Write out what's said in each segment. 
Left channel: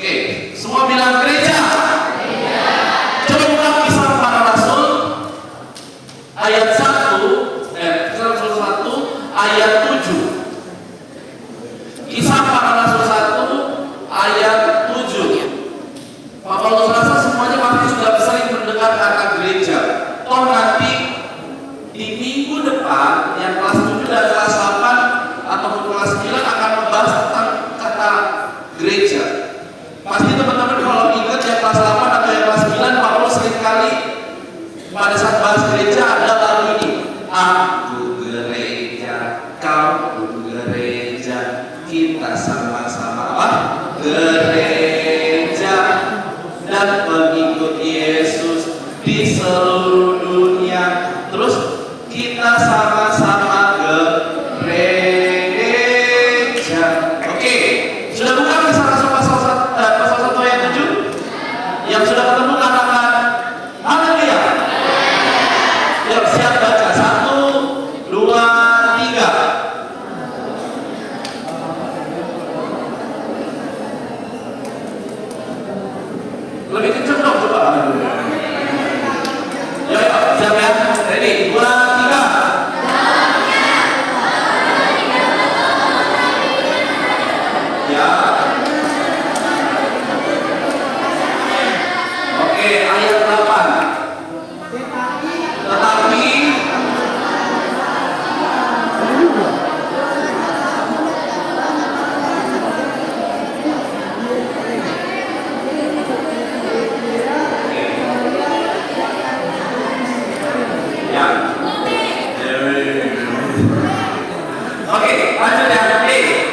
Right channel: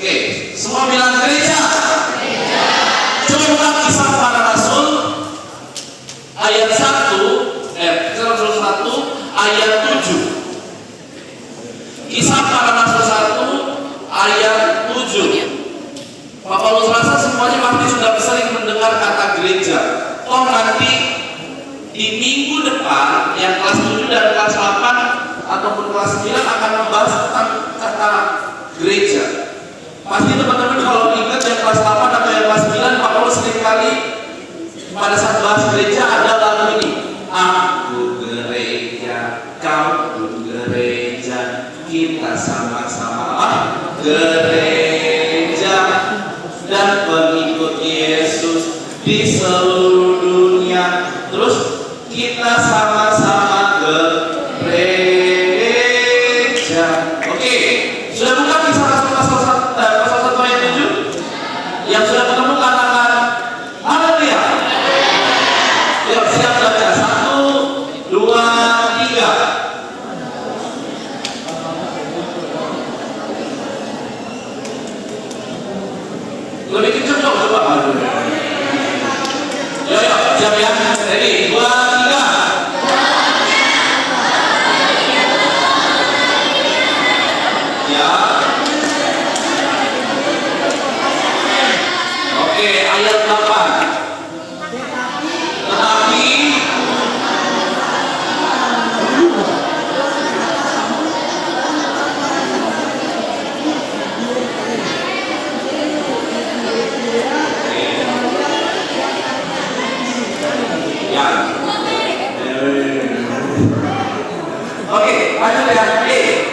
Oke, semua bilang gereja. Coba Kisah Para Rasul ayat 1, Kisah Rasul 1 ayat 7. Kisah Para Rasul 1 ayat 7. Pak Paulus rasa semuanya pasti sudah sering mendengar kata gereja. Oh, nanti di minggu depan yang kelas 7 dan kelas 8 ataupun kelas 9 akan membahas tentang kata gereja. Pasti teman-teman kalau ingat yang kelas 8 atau yang kelas 9, Pak Paulus seringkali pada saat bahas gereja ada lagu ini. Aku gereja, kau gereja, kita sama-sama gereja dan pengikut Yesus di seluruh dunia. Terus kita sama-sama gereja. Oke, sudah buka Kisah Rasul pasal 1 ayat 7? Yang sudah ketemu katakan haleluya. Yuk, siap baca. 1, 2, 3. Lebih kencang dong, coba. Yo, siap ya. Ready, 2, 3. Ya. Oke, ayat 8. Tetapi ya. Oke, lanjut ya.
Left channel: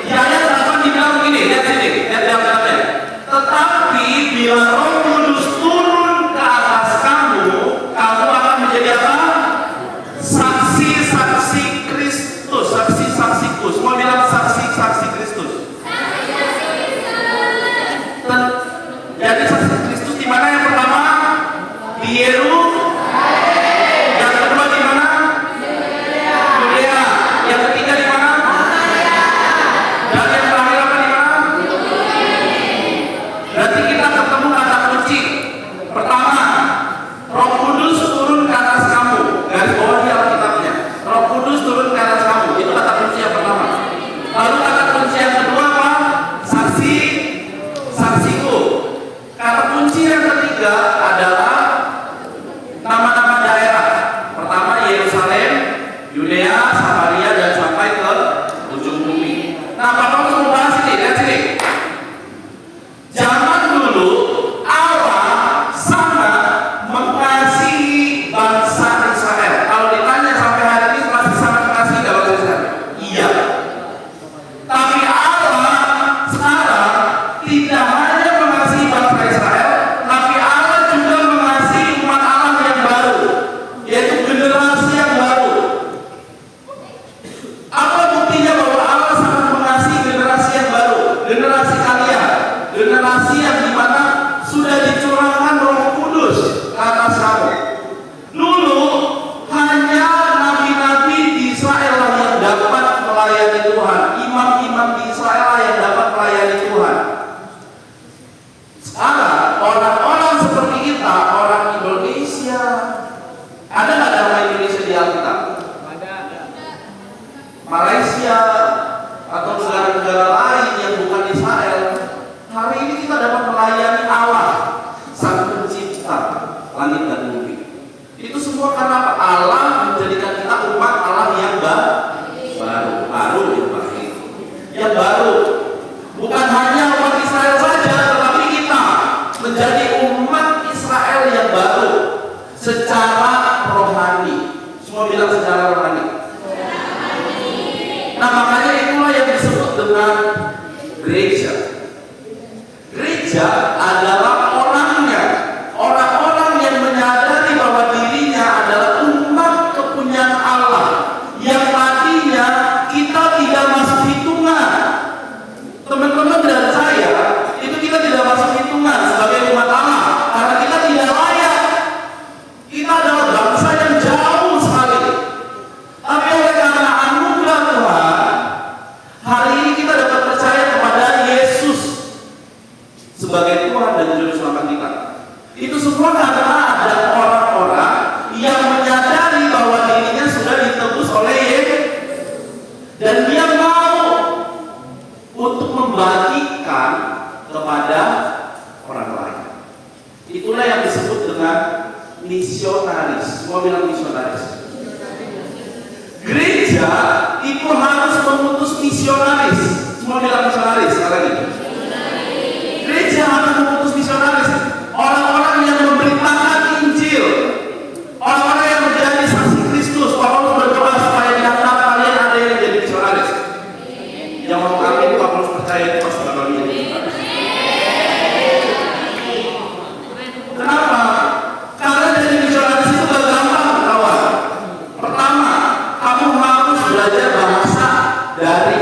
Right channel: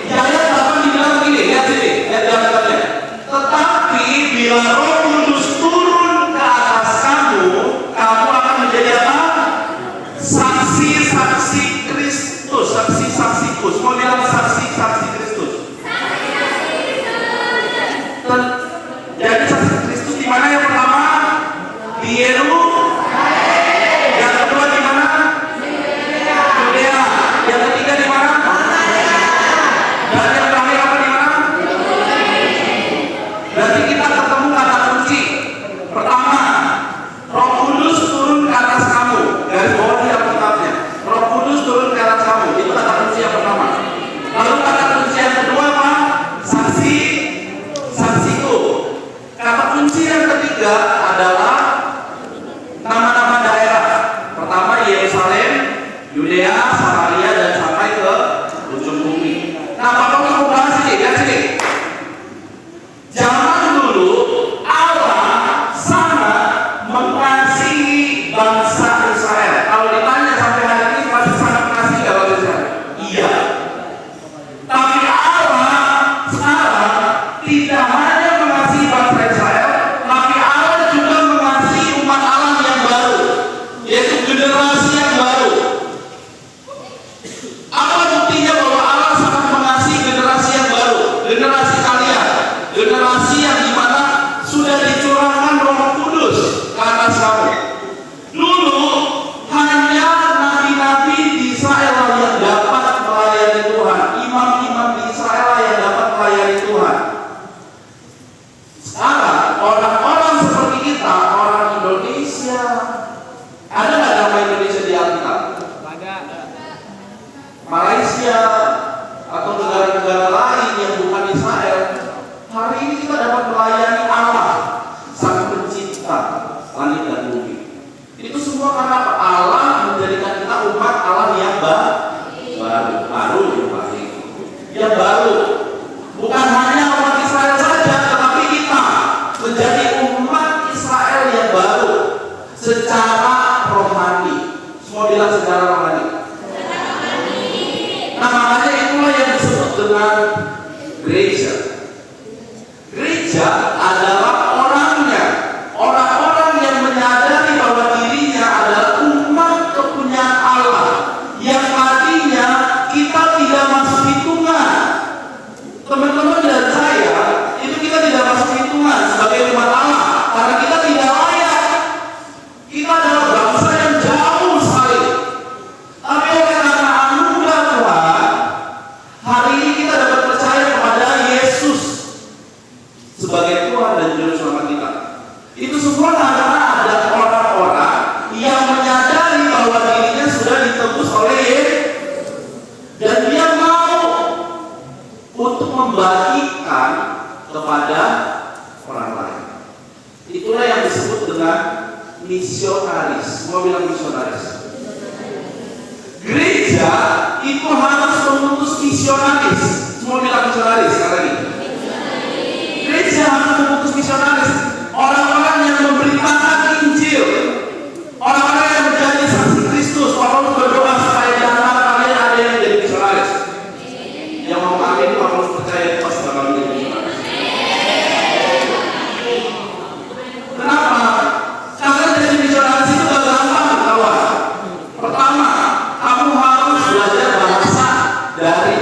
Di ayat 8 dibilang begini, lihat sini, lihat jawabannya. Tetapi bila Roh Kudus turun ke atas kamu, kamu akan menjadi apa? Saksi-saksi Kristus, saksi-saksiku. Semua bilang saksi-saksi Kristus. Jadi saksi Kristus di mana yang pertama? Di Yerusalem. Yang kedua di mana? Yudea. Yang ketiga di mana? Dan yang terakhir apa di mana? Berarti kita ketemu kata kunci. Pertama, Roh Kudus turun ke atas kamu. Garis bawahnya Alkitabnya. Roh Kudus turun ke atas kamu. Itu kata kunci yang pertama. Lalu kata kunci yang kedua apa? Saksi, saksiku. Kata kunci yang ketiga adalah nama-nama daerah. Pertama Yerusalem, Yudea, Samaria, dan sampai ke ujung bumi. Nah, Bapak mau bahas ini, lihat sini. Zaman dulu Allah sangat mengasihi bangsa Israel. Kalau ditanya sampai hari ini masih sangat mengasihi nggak bangsa Israel? Iya. Tapi Allah sekarang tidak hanya mengasihi bangsa Israel, tapi Allah juga mengasihi umat Allah yang baru, yaitu generasi yang baru. Apa buktinya bahwa Allah sangat mengasihi generasi yang baru? Generasi kalian, generasi yang dimana sudah dicurahkan Roh Kudus ke atas kamu. Dulu hanya nabi-nabi di Israel yang dapat melayani Tuhan, imam-imam di Israel yang dapat melayani Tuhan. Sekarang orang-orang seperti kita, orang Indonesia, ada nggak nama Indonesia di Alkitab? Malaysia atau negara-negara lain yang bukan Israel, hari ini kita dapat melayani Allah, Sang Pencipta langit dan bumi. Itu semua karena Allah menjadikan kita umat Allah yang baru yang baru. Bukan hanya umat Israel saja, tetapi kita menjadi umat Israel yang baru secara rohani. Semua bilang secara rohani. Nah, makanya itulah yang disebut dengan gereja. Gereja adalah orang-orang yang menyadari bahwa dirinya adalah umat kepunyaan Allah, yang artinya kita tidak masuk hitungan. Teman-teman dan saya, itu kita tidak masuk hitungan sebagai umat Allah, karena kita tidak layak. Kita adalah bangsa yang jauh sekali. Tapi oleh karena anugerah Tuhan, hari ini kita dapat percaya kepada Yesus sebagai Tuhan dan Juru Selamat kita. Itu semua karena ada orang-orang yang menyadari bahwa dirinya sudah ditebus oleh Yesus dan dia mau untuk membagikan kepada orang lain. Itulah yang disebut dengan misionaris. Semua bilang misionaris. Gereja itu harus mengutus misionaris. Semua bilang misionaris sekali lagi. Gereja harus mengutus misionaris. Orang-orang yang memberitakan Injil, orang-orang yang menjadi saksi Kristus. Paulus berdoa supaya di antara kalian ada yang jadi misionaris. Yang mau amin, Paulus percaya itu pasti bakal menjadi misionaris. Kenapa? Karena jadi misionaris itu gak gampang, kawan. Pertama, kamu harus belajar bahasa dari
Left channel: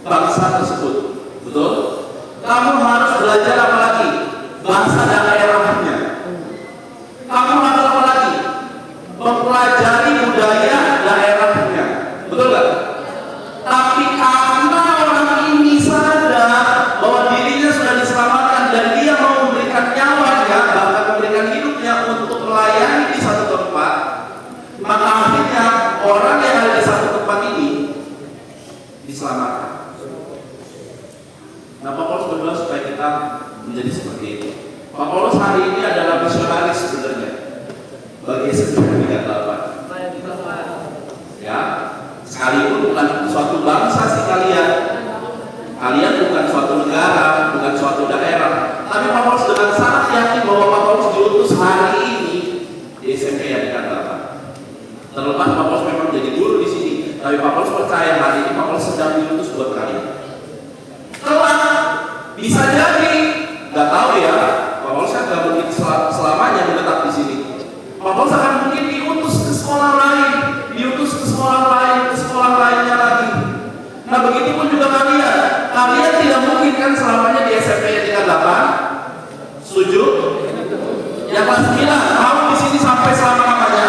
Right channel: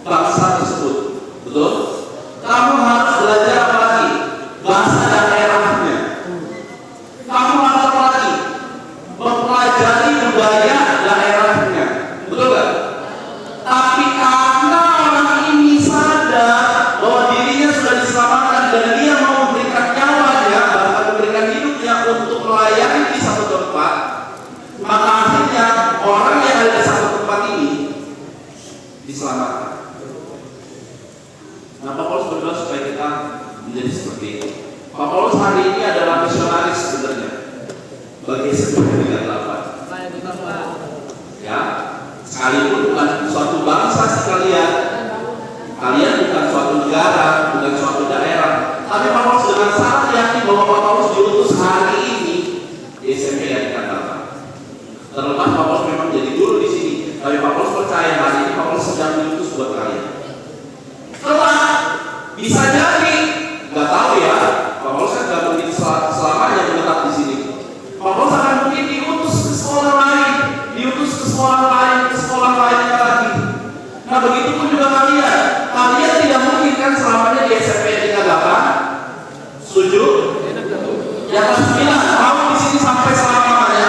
bangsa tersebut, betul? Kamu harus belajar apa lagi? Bahasa daerahnya. Kamu harus apa lagi? Mempelajari budaya daerahnya, betul gak? Tapi karena orang ini sadar bahwa dirinya sudah diselamatkan dan dia mau memberikan nyawanya, bahkan memberikan hidupnya untuk melayani di satu tempat, maka akhirnya orang yang ada di satu tempat ini diselamatkan. Nah, Pak Paulus berdoa supaya kita menjadi seperti itu. Pak Paulus hari ini adalah misionaris sebenarnya bagi seluruh dikatakan. Ya, sekalipun bukan suatu bangsa sekalian, kalian bukan suatu negara, bukan suatu daerah, tapi Pak Paulus dengan sangat yakin bahwa Pak Paulus diutus hari ini di SMP yang dikatakan. Terlepas Pak Paulus memang jadi guru di sini, tapi Pak Paulus percaya hari ini Pak Paulus sedang diutus buat kalian. Kelak bisa jadi, nggak tahu ya. Pak Paulus kan nggak mungkin selamanya menetap di sini. Pak Paulus akan mungkin diutus ke sekolah lain, diutus ke sekolah lain, ke sekolah lainnya lagi. Nah begitu pun juga kalian tidak mungkin kan selamanya di SMP yang 8. Setuju? Yang kelas 9 mau di sini sampai selamanya.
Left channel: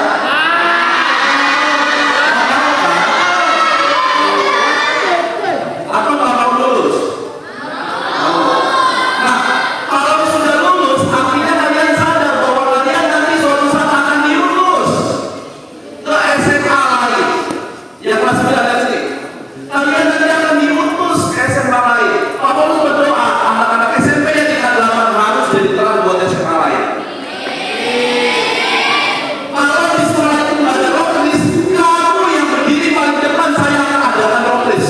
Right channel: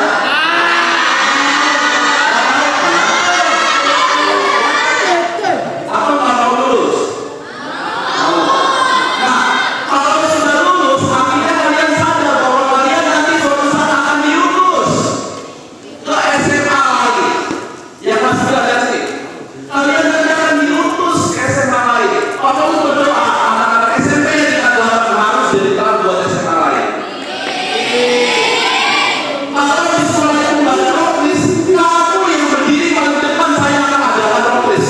Atau kalau lulus? Nah, kalau sudah lulus, akhirnya kalian sadar bahwa kalian nanti suatu saat akan diutus ke SMA lagi. Yang kelas 9 dan sini. Kalian nanti akan diutus ke SMA lain. Kalau berdoa, anak-anak SMP yang tidak harus jadi terang buat SMA lain. Kalau di sekolah itu nggak ada rocklis, kamu yang berdiri paling depan saya akan adakan rocklis.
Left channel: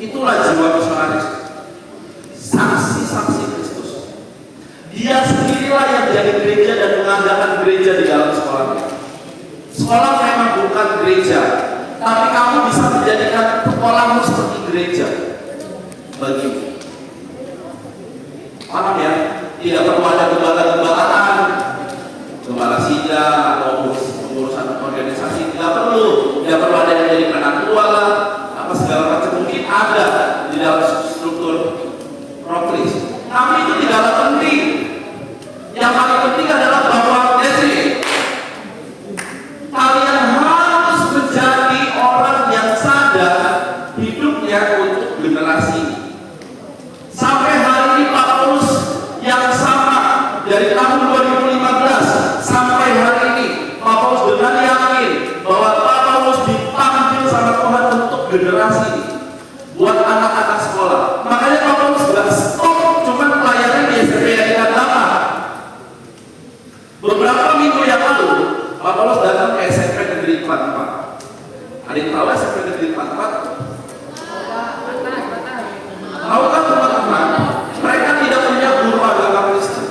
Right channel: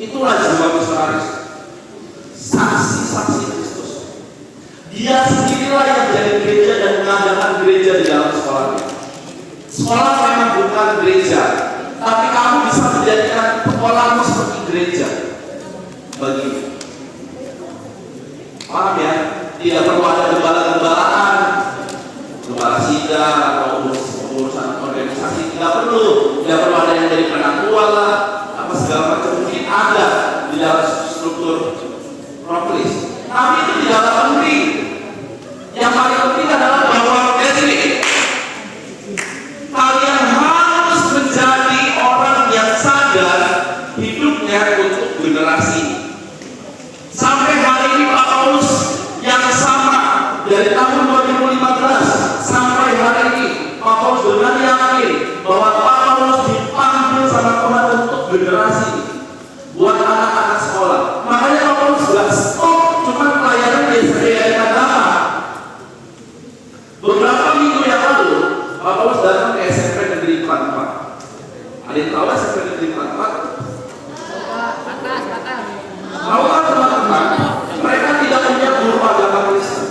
Itulah jiwa misionaris. Saksi-saksi Kristus. Dia sendirilah yang menjadi gereja dan mengadakan gereja di dalam sekolahnya. Sekolah memang bukan gereja, tapi kamu bisa menjadikan sekolahmu seperti gereja bagimu. Paham ya? Tidak perlu ada gembala-gembalaan, gembala sidang atau urusan organisasi. Tidak perlu ada yang dari penatua lah, apa segala macam mungkin ada di dalam struktur proklis. Tapi itu tidak penting. Yang paling penting adalah bahwa kalian harus menjadi orang yang sadar hidupnya untuk generasi ini. Sampai hari ini Pak Paulus yang sama dari tahun 2015 sampai hari ini Pak Paulus benar yakin bahwa Pak Paulus dipanggil sama Tuhan untuk generasi ini, buat anak-anak sekolah. Makanya Pak Paulus sudah stop cuma pelayanan di SMP yang lama. Beberapa minggu yang lalu Pak Paulus datang ke SMP Negeri 44. Ada yang tahu SMP Negeri 44? Tahu kan teman-teman? Mereka tidak punya guru agama Kristen.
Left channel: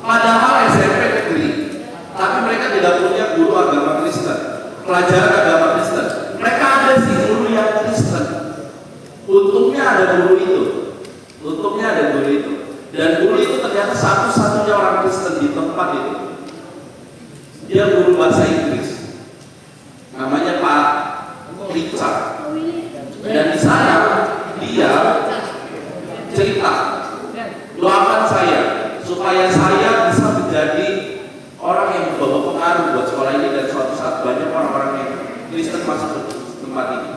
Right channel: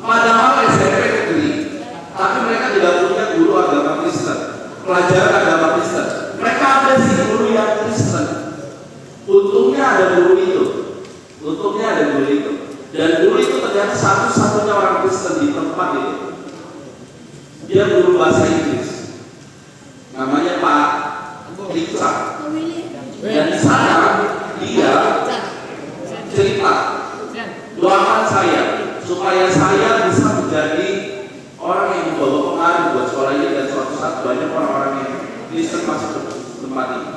Padahal SMP negeri, tapi mereka tidak punya guru agama Kristen, pelajaran agama Kristen. Mereka ada sih guru yang Kristen. Untungnya ada guru itu. Dan guru itu ternyata satu-satunya orang Kristen di tempat itu. Dia guru bahasa Inggris. Namanya Pak Richard. Dan di sana dia cerita, doakan saya supaya saya bisa menjadi orang yang membawa pengaruh buat sekolah ini dan suatu saat banyak orang-orang yang Kristen masuk ke tempat ini.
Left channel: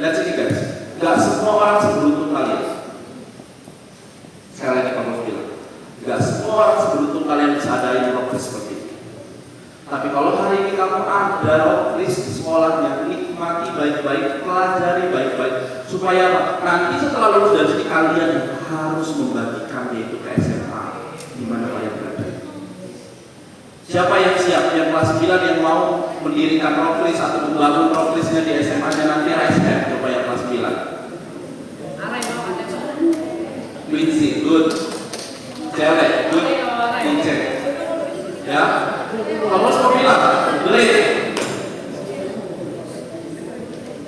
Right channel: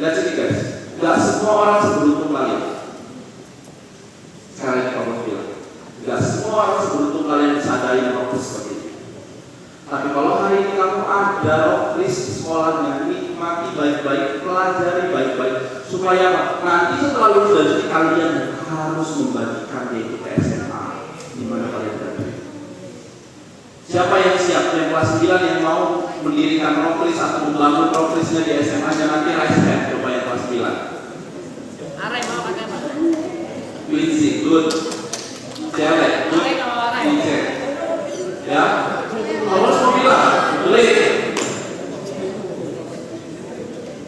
Lihat sini guys, gak semua orang seberuntung kalian. kalian harus membagikan yaitu ke SMA di mana kalian berada. Siapa yang siap yang kelas 9 yang mau mendirikan proklis atau membangun proklisnya di SMA-nya nanti ASN coba yang kelas 9. Quincy, good. Cewek, good. Dicek. Ya. Kalau mau bilang, boleh.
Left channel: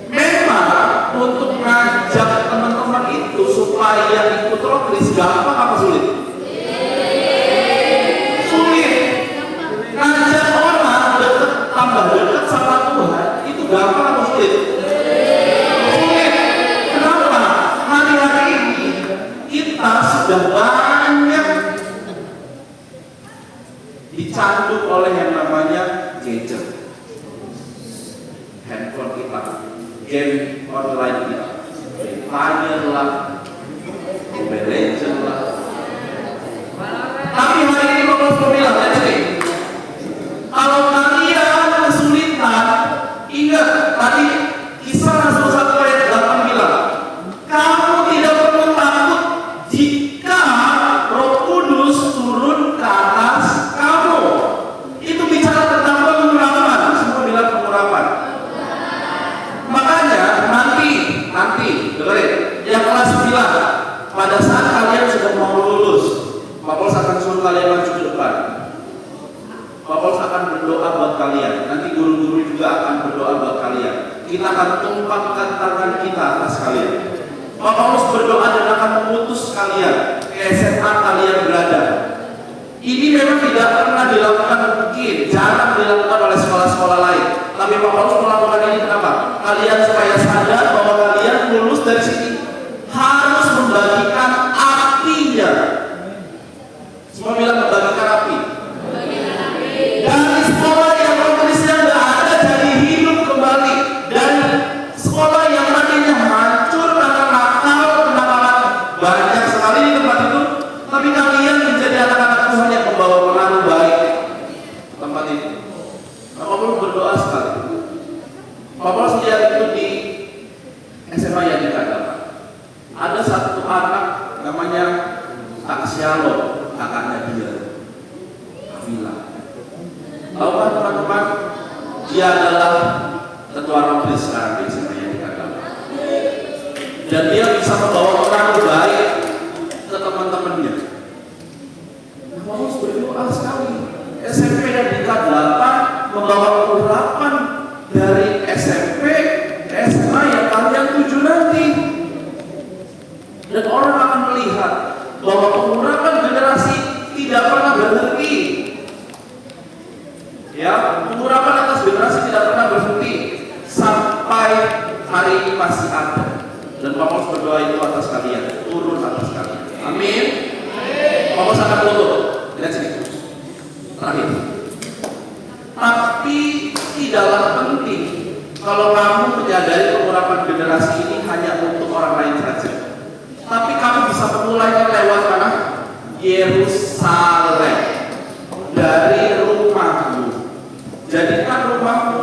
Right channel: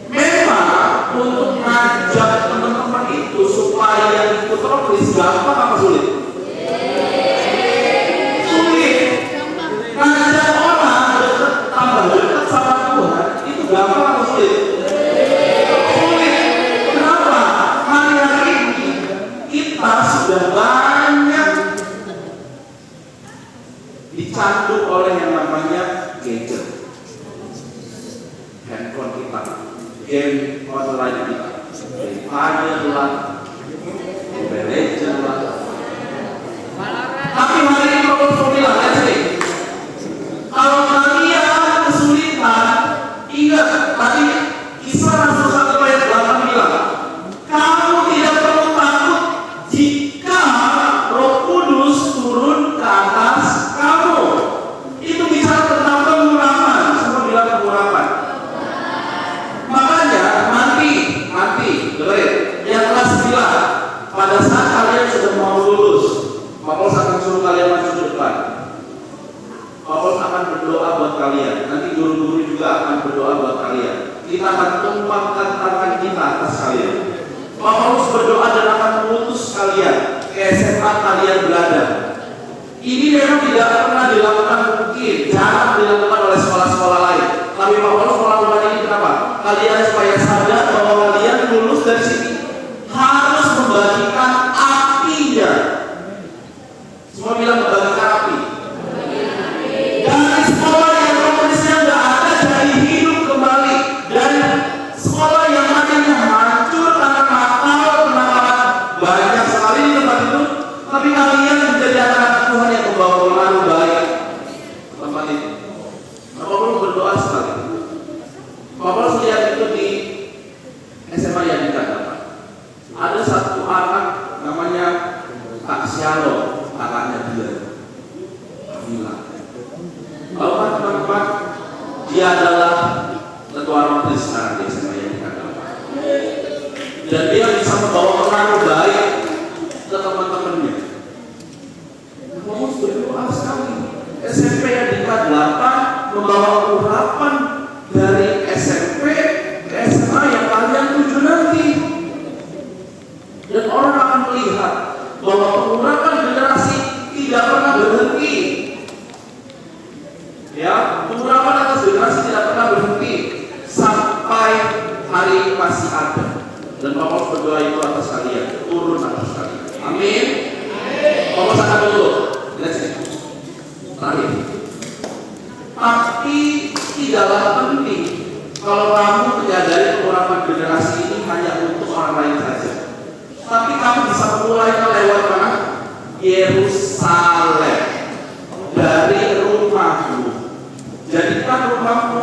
Memang untuk ngajak teman-teman itu supaya ikut proklis gampang apa sulit? Ngajak orang tambah dekat sama Tuhan itu gampang atau sulit? Sulit. Kenapa? Hari-hari ini kita sudah banyak dicantum oleh yang namanya gadget, handphone kita, game online kita, Fire lah, Mobile Legends lah. Tapi hari ini kalau bilang aja, kalau kalian kesulitan, ingat tadi Kisah Rasul 1 ayat 8 bilang, kamu tidak perlu takut jika Roh Kudus turun ke atas kamu. Itu bicara tentang pengurapan, semua bilang pengurapan. Makanya nanti, yang kelas 9, pada saat kalian sudah mau lulus, Paulus akan suruh kalian maju depan. Paulus akan berdoa buat kalian. Nanti guru-guru juga akan berdoa buat kalian. Kita akan tumpangkan tangan kita atas kalian. Paulus berdoa dan akan mengutus kalian ke SMA kalian berada. Ini memang tidak pernah dilakukan, mungkin jarang dilakukan oleh sekolah-sekolah lain. Tapi Paulus melakukan ini kenapa? Kalian supaya sadar bahwa kalian lulus dari sini harus membagikan apinya. Semua bilang membagikan api. Dari sekolah yang kondisinya tidak ada jadi hidup kembali, dan sekolah yang tadinya hancur karena nakal, karena banyak sekali di tempat itu, tapi kalian menjadi anak-anak Tuhan yang membawa pengaruh baik tempat itu. Paulus berdoa sekali. Paulus lihat itu di SMA yang dikatakan ada satu anak namanya Taksialo, anaknya dia bilang, kalau teman-teman dia adalah ketua rompis sekarang di SMA yang dikatakan, dan dia bisa membawa pengaruh baik ke teman-temannya. Paulus berdoa sekali. SMP yang dikatakan 8 membawa urapan dari SMP ke SMA yang kalian tuju nanti, dan orang akan melihat bahwa pengurapan generasi tidak pernah berhenti. Ya, pengurapan atas generasi tidak pernah berhenti sampai hari ini masih ada. Dan Paulus berdoa itu atas kalian, turun atas kalian. Amin. Paulus akan turun. Terakhir. Tapi tidaklah penting kalau kamu menyadari pengurapan generasi ini hanya untuk orang lain saja. Tapi kamu bisa mulai lewat mana? Yerusalem, dari rumahmu. Jadikan rumahmu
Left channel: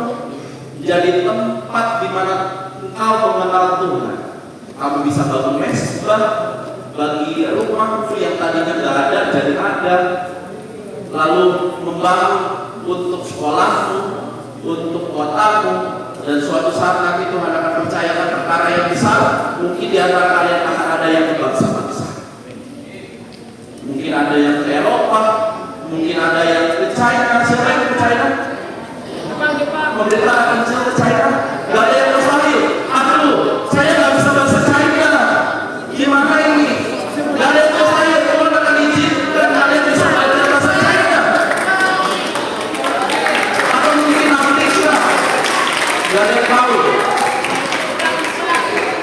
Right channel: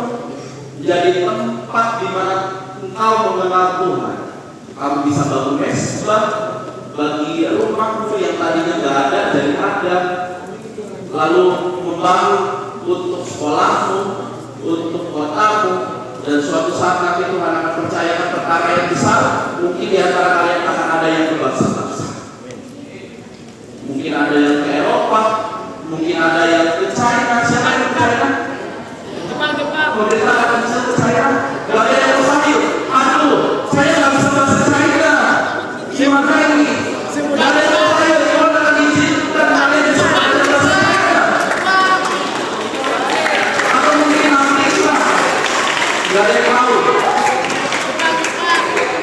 menjadi tempat di mana engkau mengenal Tuhan. Kamu bisa bangun mesbah bagi rumahmu yang tadinya tidak ada jadi ada. Lalu membangun untuk sekolahmu, untuk kotamu, dan suatu saat nanti Tuhan akan percayakan perkara yang besar. Mungkin di antara kalian akan ada yang ke bangsa-bangsa, mungkin ada yang ke Eropa, mungkin ada yang ke China. Siapa yang ke China? Pemerintah akan ke China. Gak ada yang ke Sayur. Aduh, saya gak bisa bahasa China. Gimana ini? Gak ada yang ke Sayur. Kalau akan izin dan gak ada yang bisa bahasa China. Atau mungkin Amerika. Gak ada yang tahu.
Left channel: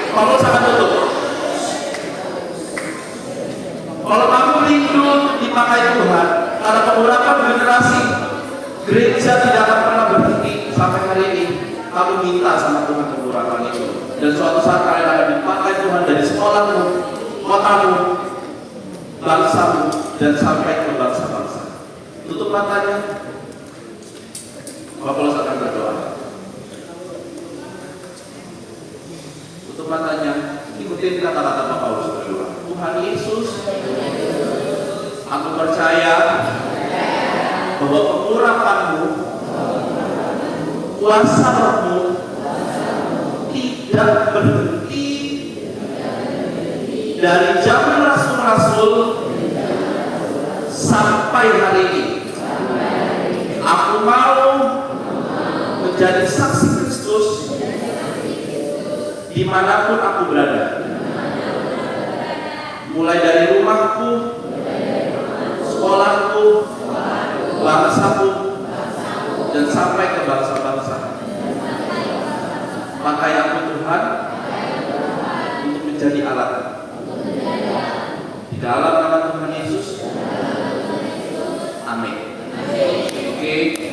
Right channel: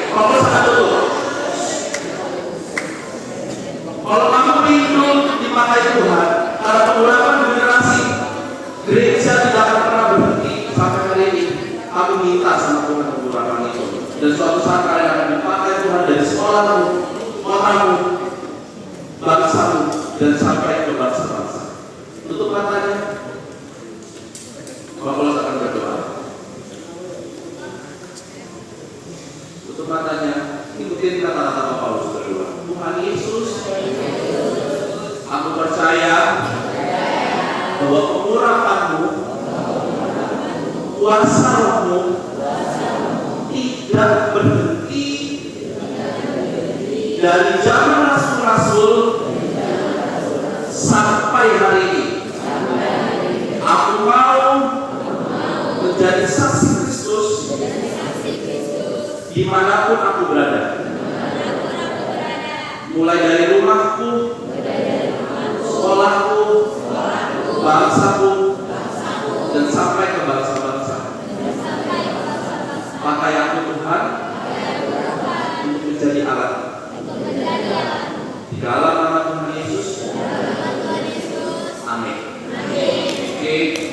Kalau sangat tutup. Kalau kamu rindu dipakai Tuhan, karena pengurapan generasi, gereja tidak akan pernah berhenti sampai hari ini. Kamu minta sama Tuhan pengurapan itu, dan suatu saat kalian akan dipakai Tuhan dari sekolahmu, kotamu, bangsamu, dan sampai ke bangsa-bangsa. Tutup matanya. Paulus akan berdoa. Tutup matanya. Ikutin kata-kata Paulus berdoa. kuasa Rohmu tidak berhenti dari zaman rasul-rasul sampai hari ini. Aku mau menjadi saksi Kristus dimanapun aku berada, mulai dari rumahku, sekolahku, bangsaku, dan sampai ke bangsa-bangsa. Pakai aku Tuhan untuk menjadi alat di dalam nama Tuhan Yesus. Amin. Oke.